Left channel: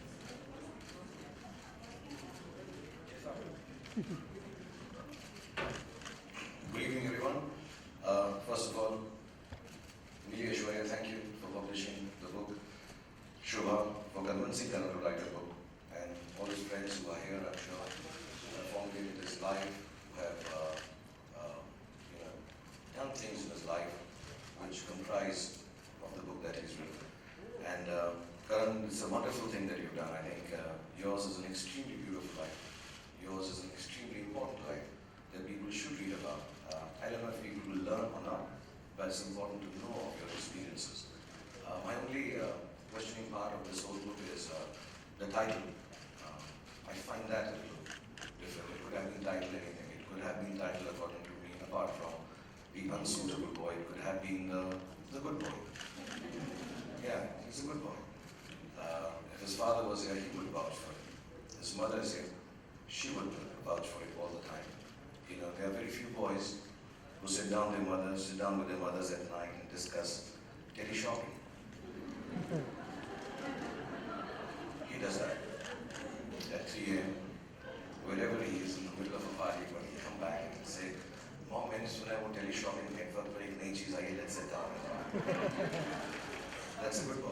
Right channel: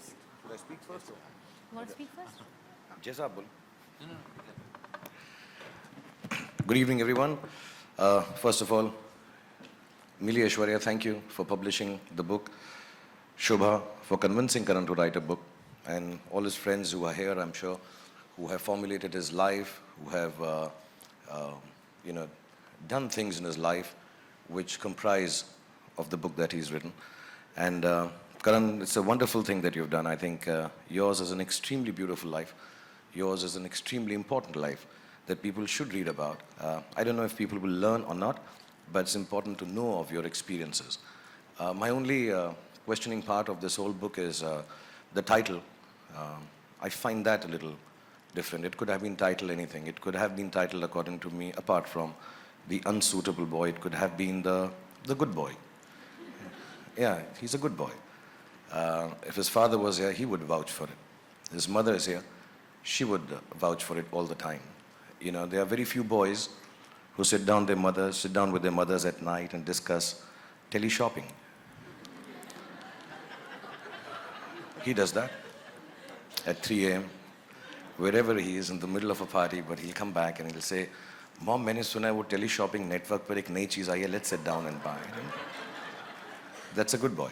just Should I speak first? want to speak first? Jezabul. Good evening, everyone. First of all, Mili Aishwarya, thank you for publishing the book. Shobha for convincing Karan to write a book, and all his friends who are here, I'm sure, who have formulated his life, who have, uh, you know, done things in his life which comprise of the book that he's written. And Karan, it's a wonderful thing that you've done. I think yours is an extremely beautiful life. Yours is an extremely important life that people should read about. I don't know if people will learn or not, but it's important to know of your experiences. My only questioning part of this whole book is the title. I find that a little different. It could have been titled anything. It could have been titled, according to me, apart from the unsuitable boy, it could have been the good boy. Yeah, he's a good boy. If his father was here, he would vouch for it. His mother is here, she would vouch for it all the time. You know, there are very few boys who sit down with their mothers at night and discuss tele-shopping. He does that at 3 a.m. wherever he is in the middle of a party, but he'll come back and he'll say, "Mom, मैंने सुना है वो tele-shopping network पर एक नई चीज़ आई है, let's sit down and buy it." That's a good boy.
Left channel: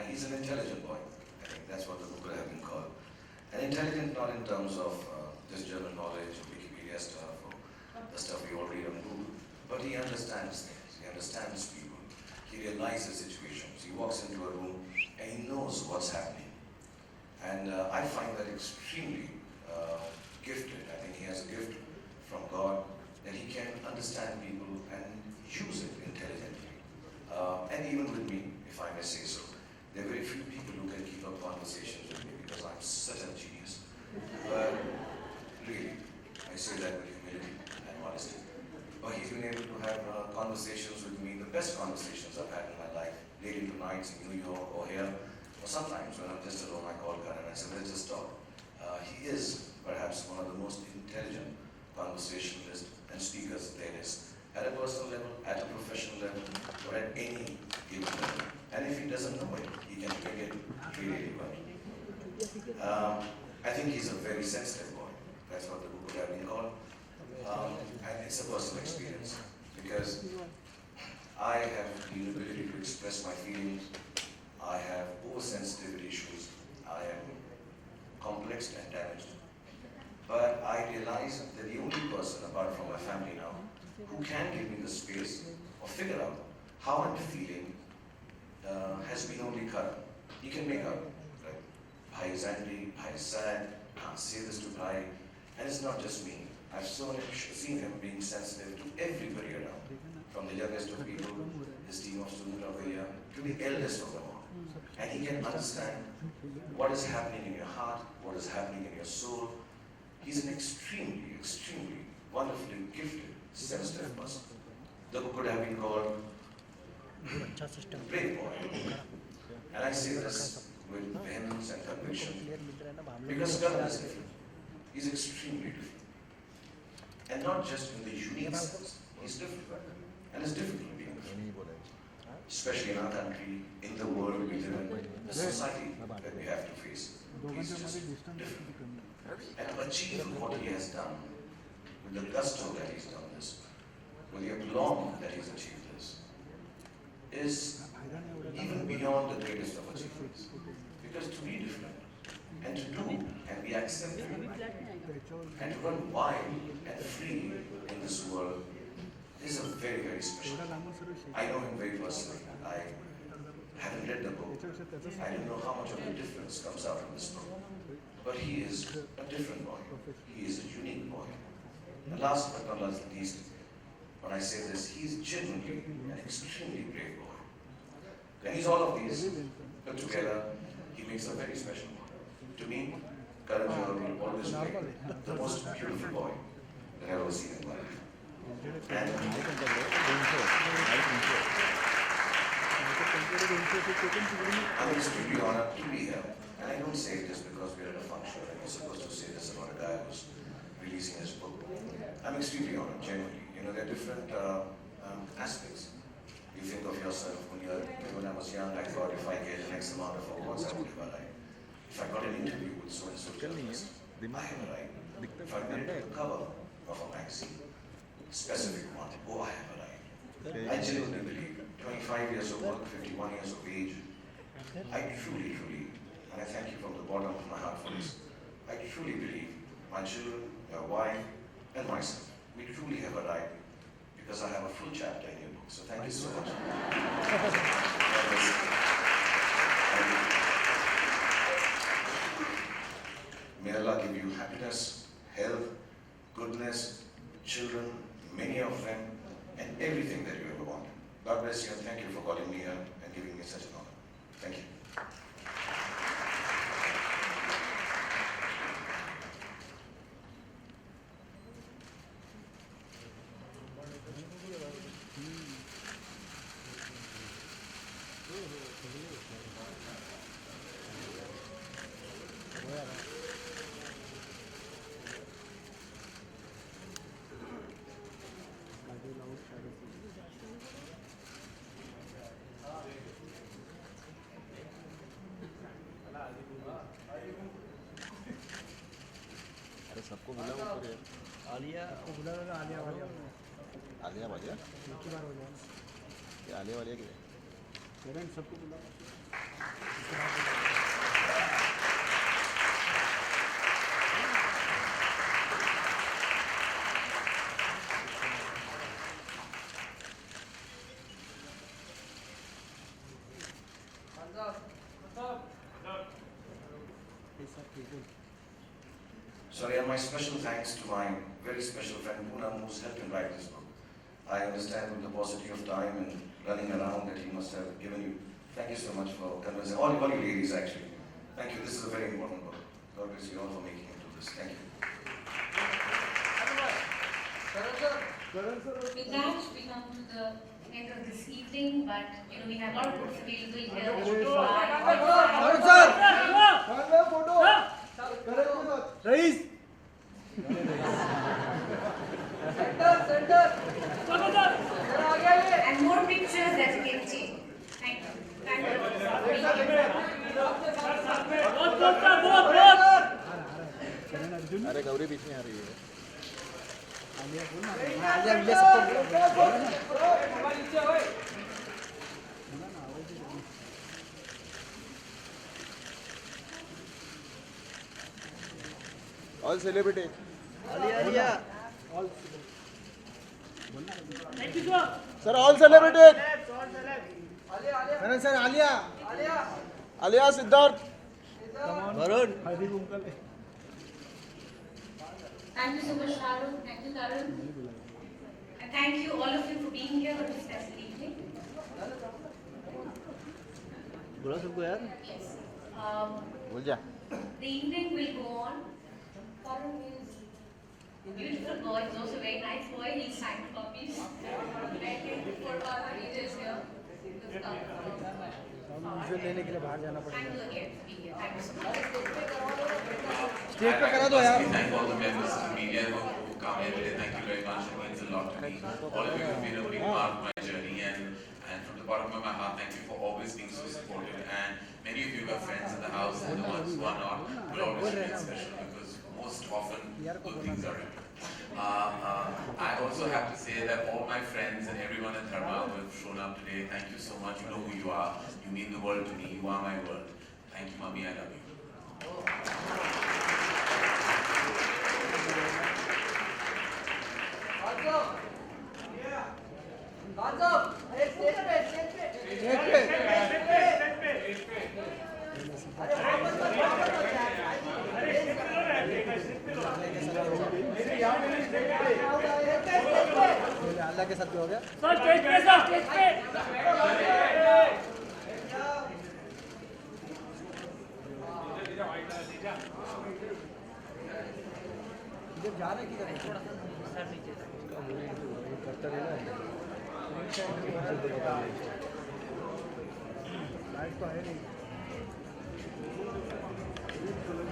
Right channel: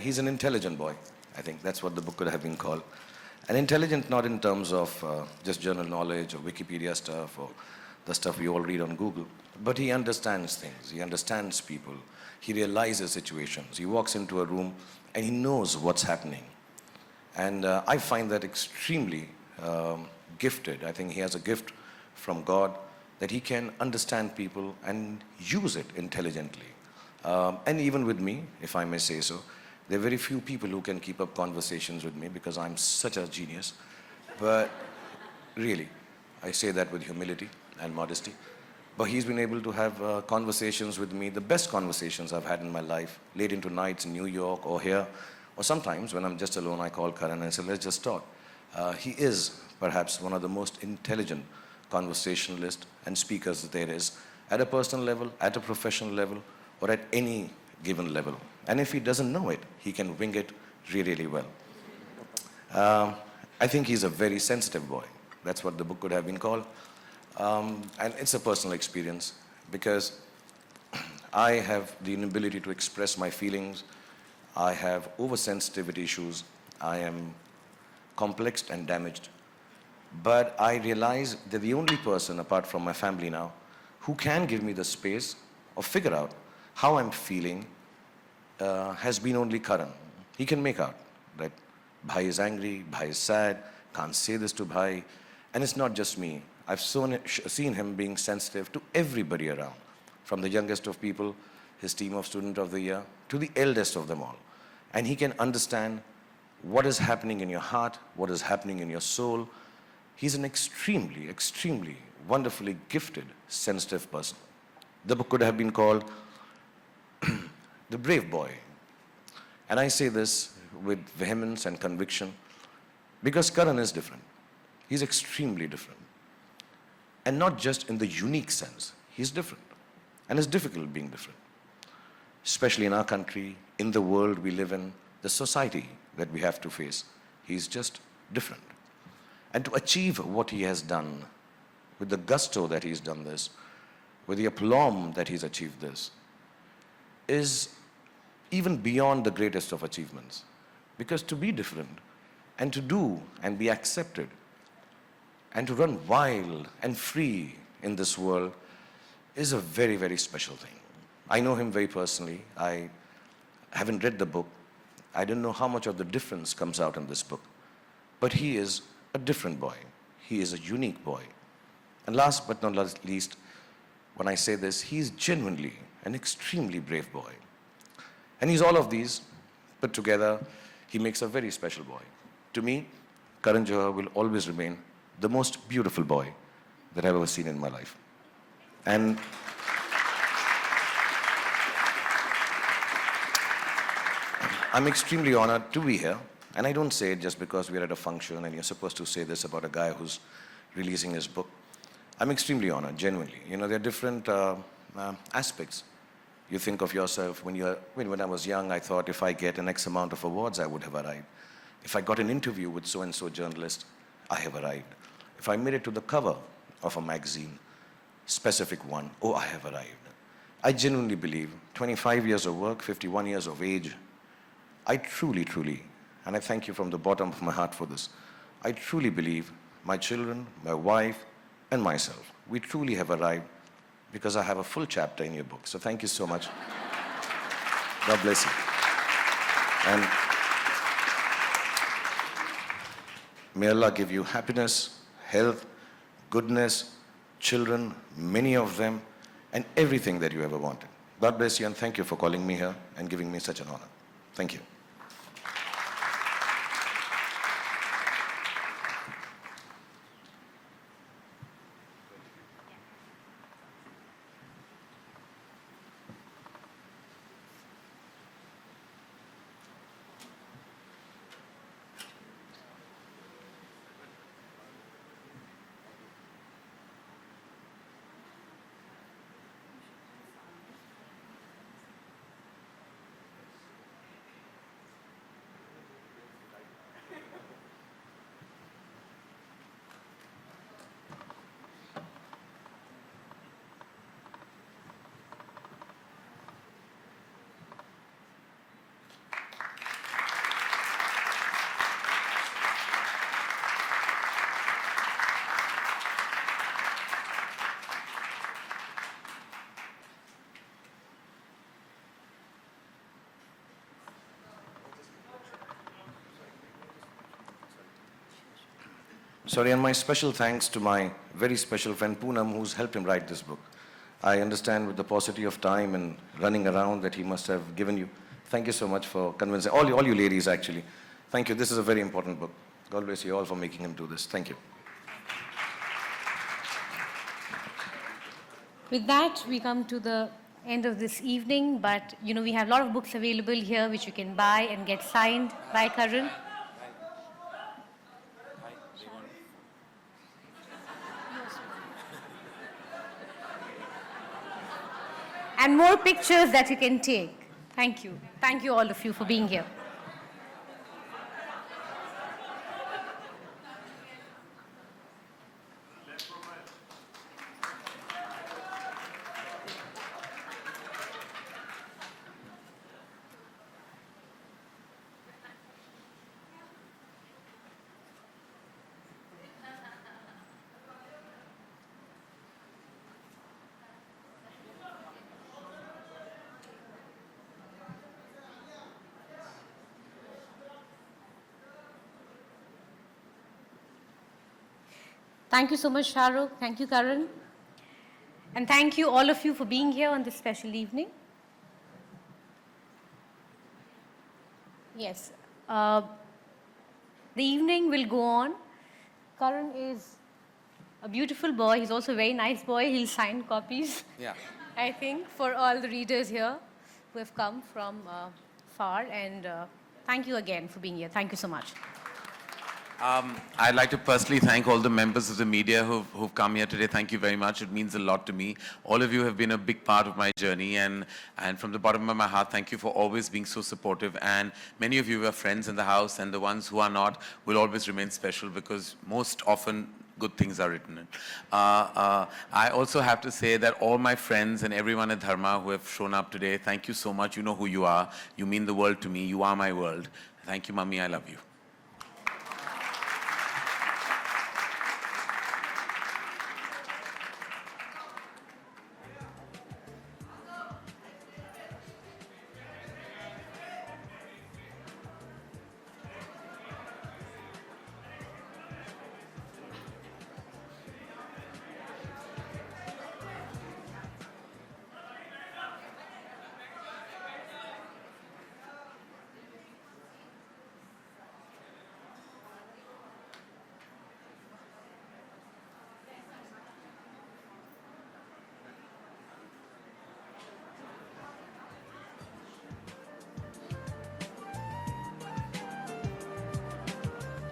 He's an intelligent boy. I think that's what the book could have been called. And intelligent not in terms of just general knowledge or Wikipedia stuff or the stuff we all read on Google, but he understands things. He understands people. He realizes situations. He walks into a room and he knows what's happening. And I find that extremely gifted. I think he has a gift from God that he can understand people and use it intelligently. And even with me, if I may say so, there are very few people who can keep up conversations with me because I'm such a genius. But really, I say that with humility and modesty. But he's been able to have conversations with me, the best conversations I've had in my life, late into nights in New York or here, or sometimes when I'm just alone, I call Karan and say, let's just talk. He is perhaps one of the most intelligent conversationalists and speakers there is, at a personal level, at a professional level, or at any given level. And if he doesn't know it, he can bring it really, really well. I think he's a very sensitive boy. That's what the book could have been called. And it's a personal experience because I have the inability to express my feelings. I have oversensitivity issues. I am complex and damaged. But I realize that the only person, apart from my family now, who can give me the space or figure out how I'm feeling has been only Karan. He can make out that Bhai is angry, Bhai is sad, can't say this to Bhai. And it's not just me. I've seen him being sensitive to everybody around, from the youngest of people, his team of Student of the Year, to the eldest of them all. And he can understand what is happening in your heart, what is happening in your soul. He's an extremely, extremely wonderfully gifted, sensitive person. The book could have been called The Brave Boy. And I say this with vehemence and conviction because Karan is different. He's extremely different. And not just in the unique sense. He's different. And it's difficult being different. Especially in our country, in the world we live in, the society that we have to face. He's just different. And to achieve what he has done, with the gusto that he's done this, with the aplomb that he's achieved this, is even beyond the greatest of achievements. Because to be different, and to do and be accepted, and to run wild and free in this world is a very, very special thing. I know him very personally. I haven't read the book. I don't know how much of the difference comes out in this book. But he is a different boy. He is a unique boy. And last but not least, when I say this, he's genuinely an extremely brave boy. And he's all of these put together. He makes a very special boy. To me, Karan Johar will always remain the most beautiful boy that I've ever seen in my life. And I'm extremely honored to be here. And I don't say it just because we're at a function and you're supposed to say this about a guy who's releasing his book. I'm extremely honored, genuinely. You know, there are different aspects. You think of yourself when I was young, I thought if I get an X amount of awards, I would have arrived. If I got an interview with so-and-so journalist, I have arrived. If I made it to the cover of a magazine, specific one, oh, I have arrived. I genuinely believe 25 years of work, 51 years of age, I truly, and I thank you from the bottom of my heart for this, I truly believe my children, my wife, and myself, we truly have arrived because I have a full chapter in your book. So thank you so much. God bless you. And may Allah give you happiness, health, goodness, children, many of them, and everything that you ever wanted. God bless you, and thank you for calling me here and giving me such an honor. Thank you. सबको मिला वो आलिया को बुला रहा आलिया वालिया आलिया वालिया एक बार हो गया आलिया वालिया के पेरेंट्स सबको बुला Sorry, and my special thanks to my very special friend Poonam, who's helped him write this book. I understand with the paucity of time and running around that he must have given you. Thank you so much for convincing, all you ladies actually. Thank you, this is a very important book. God bless you all for making him do this. Thank you. With that, we come to the end of this evening, but we have a lot of books available here which you can buy and get signed by Karan. And more pictures that you can take. Thank you. Thank you all of you for being here. अरे गौरी बीच में आ रही है All celebrity. Alia. Sir, all celebrity. Sir, Alia. Alia, Siddharth. Varun. Thank you so much, Shahrukh. Thank you, Karan. And thank you, all of you, for being here on this special evening. Yes. The evening will go on. Karan is a beautiful boy. He's also a very nice boy. He'll sign copies, I think, for all the readers here who have come from far. And thank you again for being here. Thank you so much. I'd like to personally thank all the members of the media who've come here today. Thank you very much. It means a lot to me. All of you have been a big part of my journey, and from the bottom of my heart, thank you for always being so supportive. And many of you are friends in the house, and the ones who are not will always remain special, because most often good things are written. I also have to say that all my friends and everyone at Dharma who have shown up today, thank you so much. You know who you are. You mean the world to me. You are my world. Thank you, Mummy. I love you.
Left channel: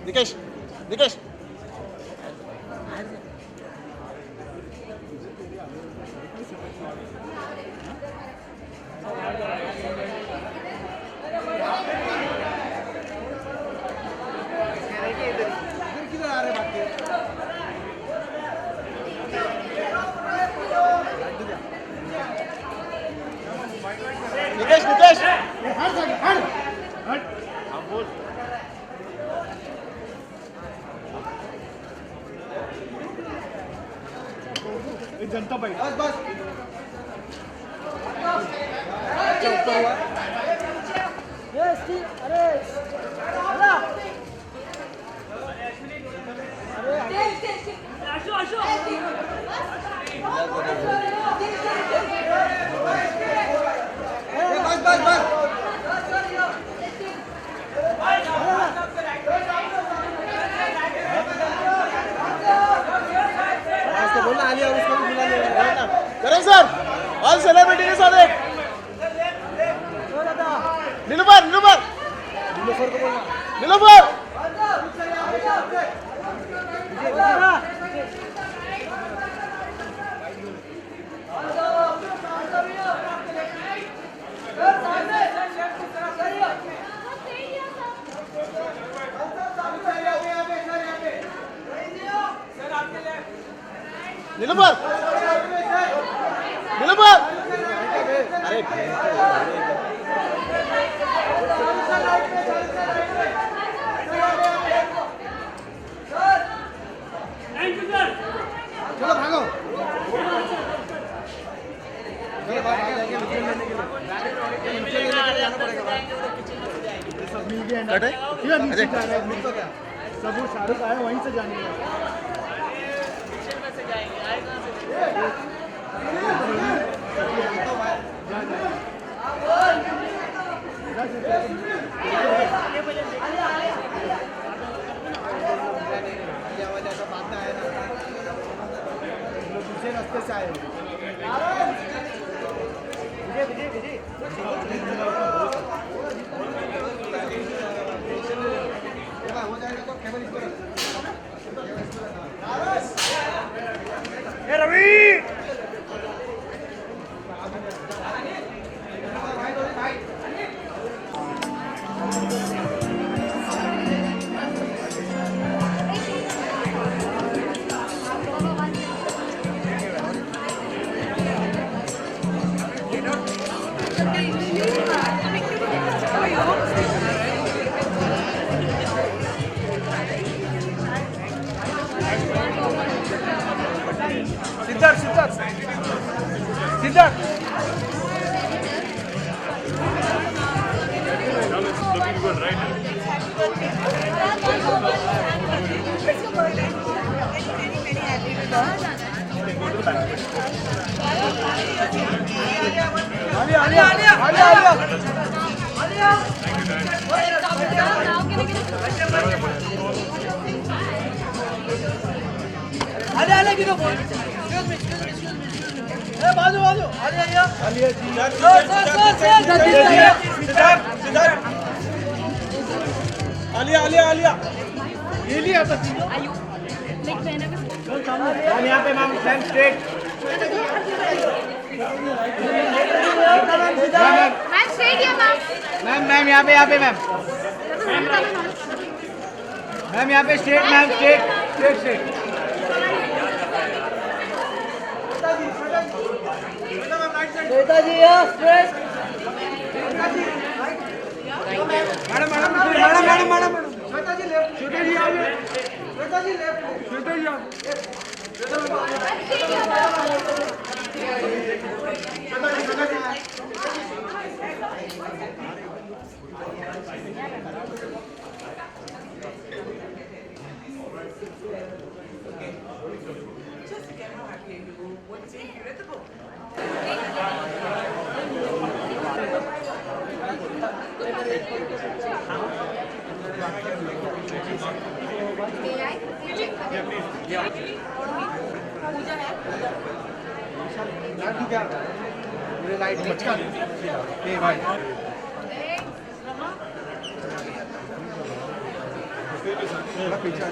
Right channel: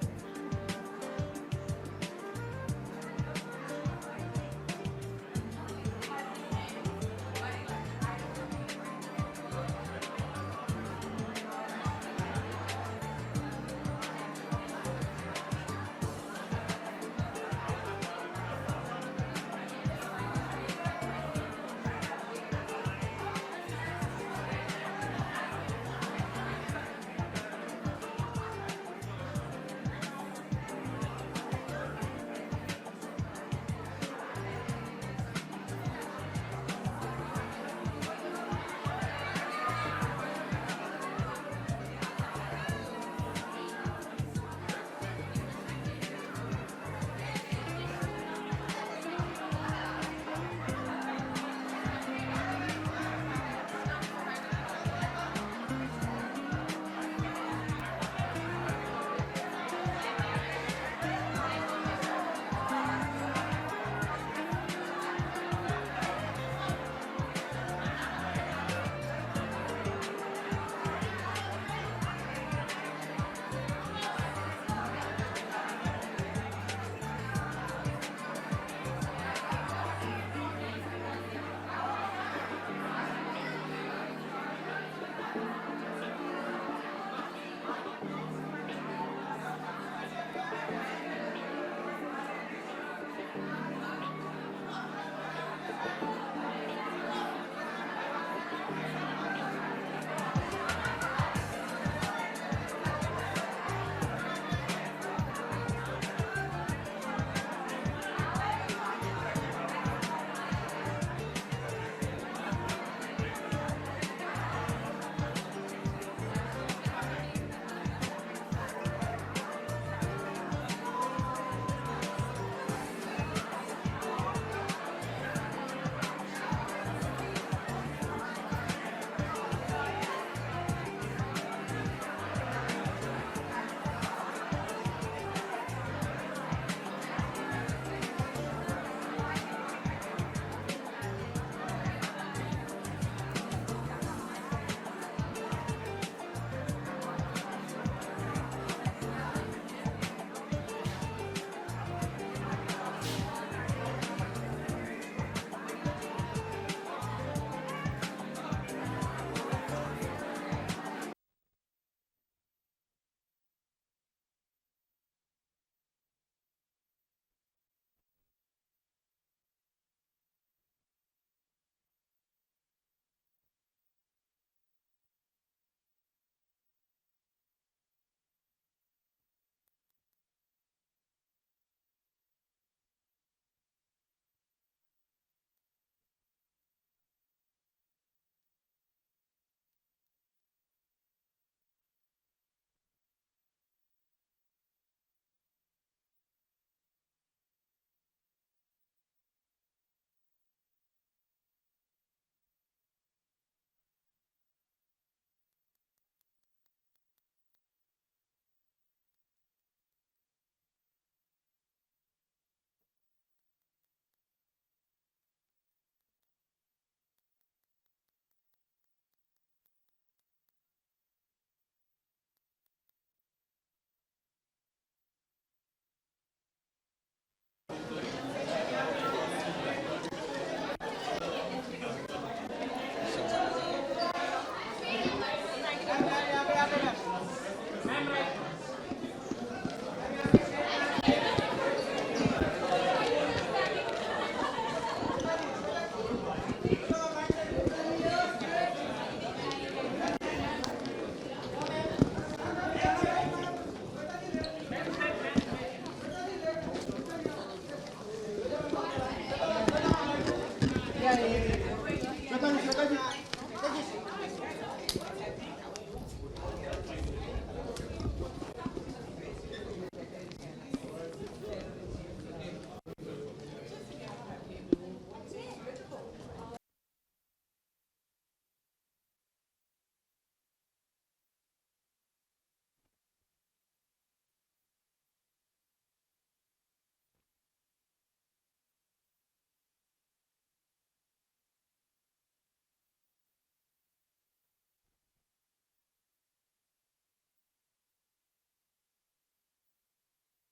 Nikesh, Nikesh. Janata party करें sir all celebrity के साथ एक नीलूफर नीलूफर नीलूफर नीलूफर नीलूफर अरे चलो भागो सब शाहरुख आए वहीं से जाने रास्ते से आए सिद्धार्थ सिद्धार्थ सिद्धार्थ आलिया आलिया आलिया आलिया आलिया आलिया की तो बोल बाजू बाजू आलिया आलिया जी सिद्धार्थ सिद्धार्थ आलिया आलिया आलिया ये लिया था मैम यहाँ पे ma'am ma'am straight ma'am straight या मैम मैम यहाँ पे मैम मैम यहाँ पे straight ma'am straight straight straight Netaji यहाँ straight madam madam madam madam madam Netaji left छोटे जी आइए नेताजी लेफ्ट छोटे जी लाइट मचका ए भाई पीछे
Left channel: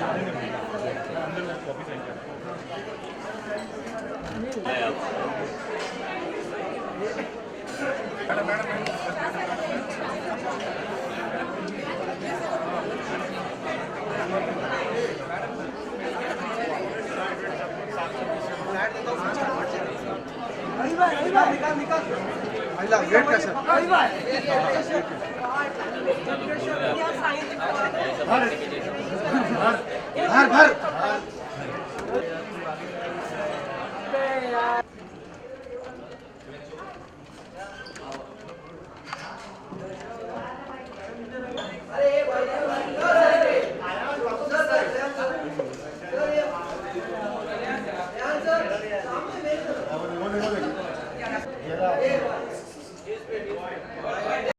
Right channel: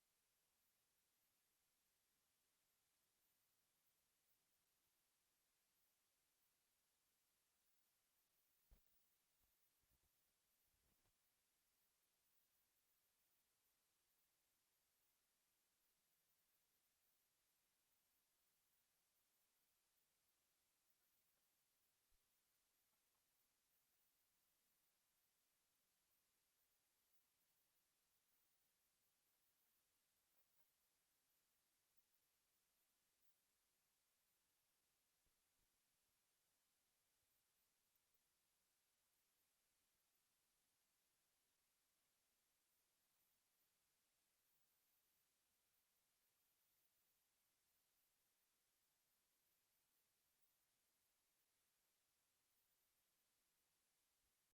वेट कैसे भर